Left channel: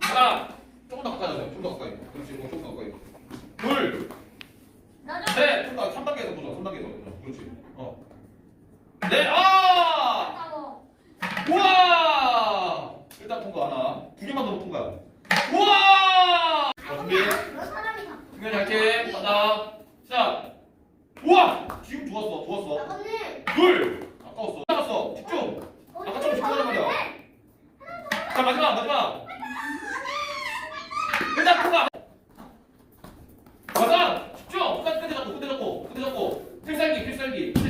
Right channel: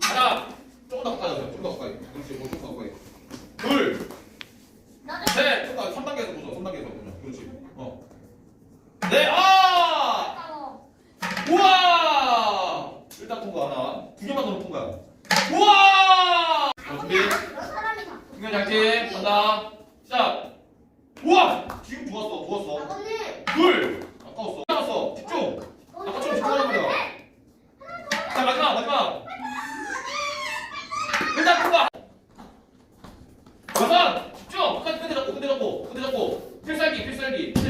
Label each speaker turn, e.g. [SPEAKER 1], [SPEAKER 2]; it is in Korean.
[SPEAKER 1] 하나 조금 더 가까이 하자. 좀더 가까이. 그렇지. 조금 더 가까이. 둘,
[SPEAKER 2] 나도
[SPEAKER 1] 셋. 좀더 3단계에서 보자. 3단계에서. 그렇지. 어. 네. 아! 우와! 일단 통과 하나. 두 개만 더 높은 거야. 우와! 자, 준비.
[SPEAKER 2] 다.
[SPEAKER 1] 준비 잘게. 간다. 시작. 우와! 지금 좋았어. 좋았어. 둘. 아까웠어. 남았어. 집중. 아까 좀 집중하는 거야. 자, 마지막, 마지막. 일단 통과. 가자. 집중. 끝까지 끝에 잡고, 끝에 잡고, 끝에 잡고. 필살기, 필살기.